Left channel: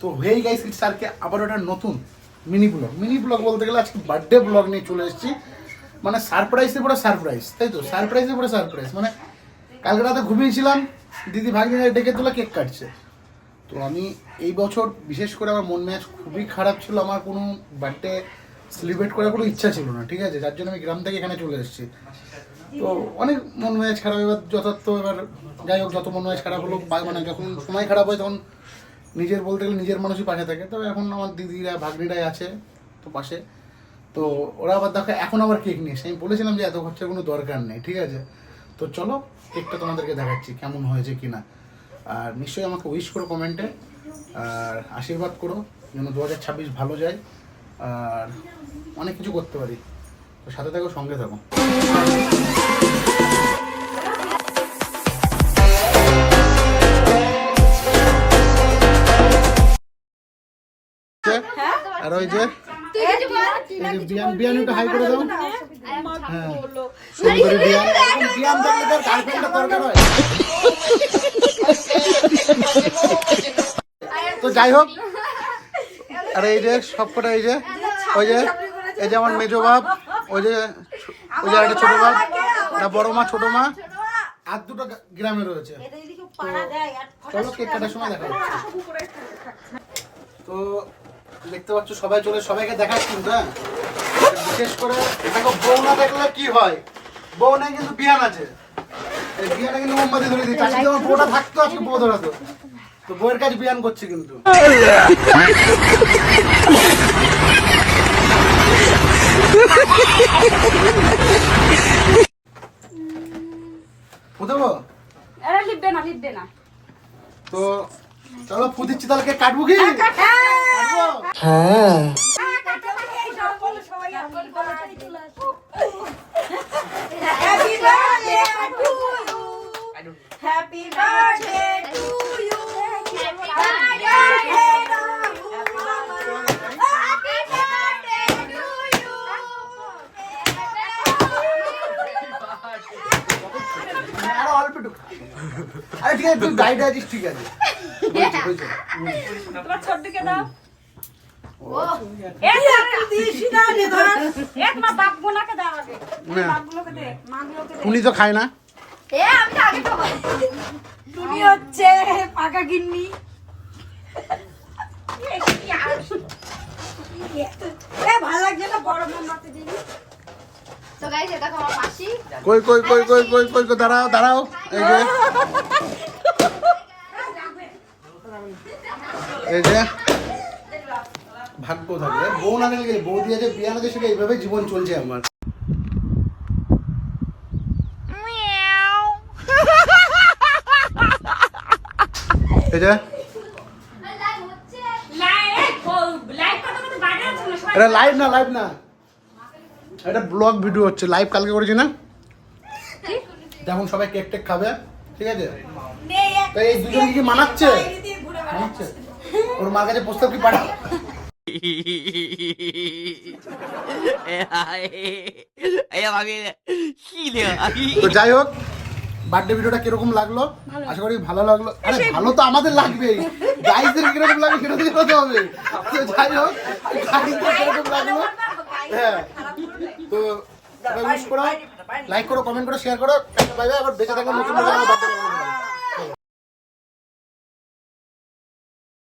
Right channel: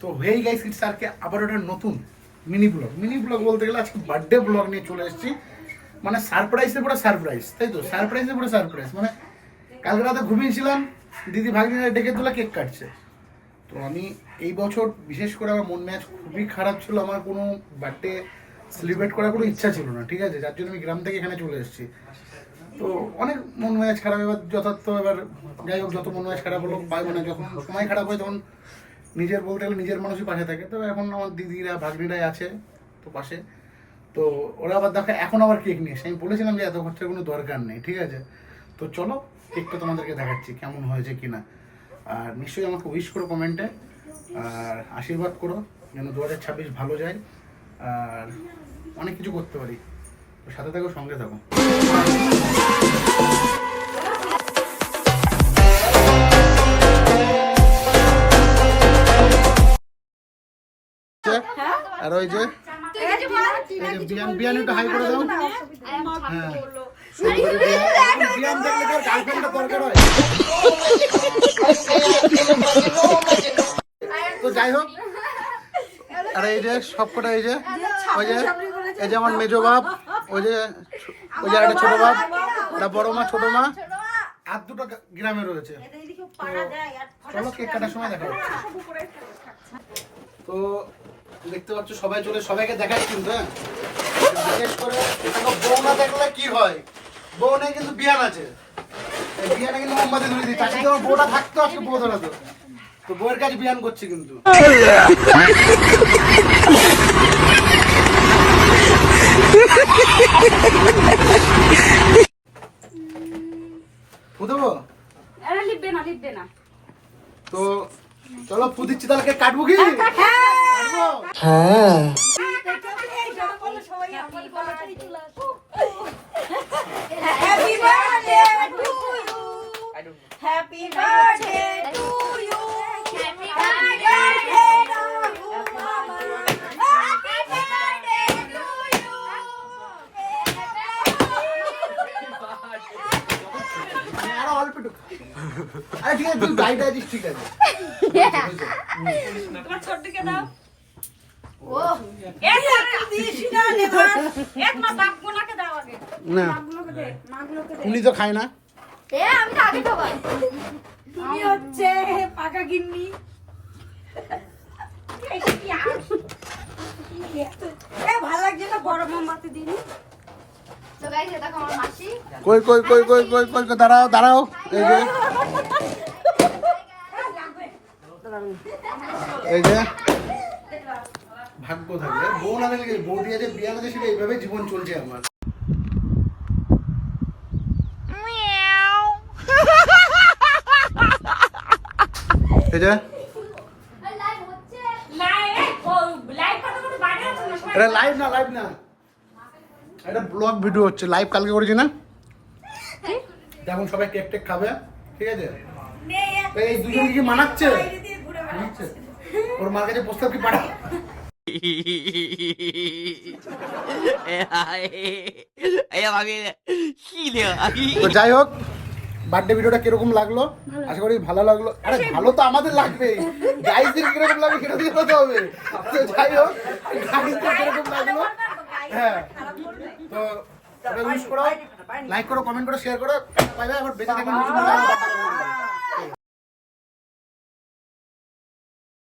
তো hey guys, it's আরকে আবার একটা নতুন মিনি ব্লগ বলতে গেলে আজকে বার্থডে ব্লগ নিয়ে চলে এসেছি। মানে সারপ্রাইজে পরে সারপ্রাইজ, তাই তো? সারপ্রাইজে পরে সারপ্রাইজ। মানে কালকে রাতে ঘুমিয়েছিলাম, দিদি ভাগ্নিরা ডেকে তোলা কেক কাটছে। তো আমি এই বছর বিশেষ করে আমার মন মেজাজ খুবই খারাপ ছিল, আমার কোনো বার্থডে সেলিব্রেট করার কোনো ইচ্ছা ছিল না, ঠিক আছে? যার জন্য আমি গ্রাম থেকে এখানে চলে এসেছি। তো অনেক মন মেজাজ খারাপ, এবার যথার্থ, এবার যাই হোক, যত মন মেজাজ খারাপ হলো, মানে যখন সময় খারাপ হয় তখন নিজের বলতে গেলে নিজের মানুষই পাশে থাকে। তবে এখন আমার দিদিরা ভাগ্নিরাই আছে তো পাশে। তো ওরা আবার দেখো এখন আবার কেক নিয়ে এসে, আমি বলেছিলাম যে এত খরচার কোনো দরকার নেই, ঠিক আছে? তো চলো কেকটা তোমাদেরকে দেখাচ্ছি কেমন হয়েছে কিনা। আর নিশ্চয়ই আমাকে উইশ করো কমেন্টে, আর আশীর্বাদ করো যেন 2026 ভালো যায় আর অনেক কিছু করতে পারি। তো সাথে থাকো, সঙ্গে থাকো। আর ওই যে বিয়ান একটু হাই করে দাও। হ্যাঁ, সুন্দরী বিয়ান। এখন বিয়ান থাকলে তার গার্লফ্রেন্ডটা দরকার হয়। তো যাই হোক, আর এই যে সবকটা, এই যে ওই যে এই যে আমার মেজো বাপ, ওই যে একটা ছোট বাপ, একটা বড় মা, ছোট মা, আর দুটো গ্রামে রয়েছে। তো চলো কেক কাটার সময় দেখা হচ্ছে। তো দেখতে পাচ্ছ সবাই চলে, সবাইকে দেখায় কিন্তু। হ্যাঁ, বিশেষ করে বউ না দেখলে কি হয়, বউ নাই কিন্তু বিয়ান আছে। বিয়ানে কিন্তু মোমবাতি ধরে দিচ্ছে। আজকে আমার বউটা থাকতো, আজকে বউ ধরাতো। তো বউয়ের কাছে বিয়ান করছে কিন্তু। তো চলো ফু দিচ্ছি, তাহলে কে কাটবো কি? হ্যাঁ, Happy birthday to you. Happy birthday to you. আরো অল্প একটু। আরে ঠিক আছে, তুই গাইড আছিস, ঠিক আছে। তোমরা ছোটকে দাও। এক লাখ দিয়েছি না রে ভাই। এক মা বাপগুলোকে দাও আগে। বাপগুলোকে দে, মাগুলোকে দে। উনি তো খায় না। আমি তো আগে খাবো। তুমি হচ্ছে পাকা গিন্নি। ভালো লাগছে না, বড় মা মাতে দিনি। তো গাইস, এটা আমার মাসি। কই দাঁড়াও। এই যে ভাগ্য থাকলে বউ না গেলে, বউ দিয়ে যে বিয়ে আছে সেটা এইভাবে জীবন চলছে আমার। এই যে এটা লাইভ না, এটা ব্লগ ভিডিও হচ্ছে, লাইভ কালকে করেছি না। যেমন সবাই কেক টেক খাবে, ঠিক আছে? এই দুজন কি মানাচ্ছে? ওর মার কাছে প্রস্তাব কি পাঠা? তো যাই হোক, বার্থডে ভিডিওটা কিরকম লাগলো? আশা করি ভালো লাগলো। আরে ভালো তো আমাদের লাগবেই, গাইসদের কিরকম লাগবে সেটা দিয়ে কথা হবে। তো যাই হোক, গাইসদের কিরকম লাগলো, হ্যাঁ। তো সবাই উইশ করো, লাইক করো, কমেন্ট করো, শেয়ার করো। Bye bye. আবার বেঁচে থাকবে নতুন বার্থডে।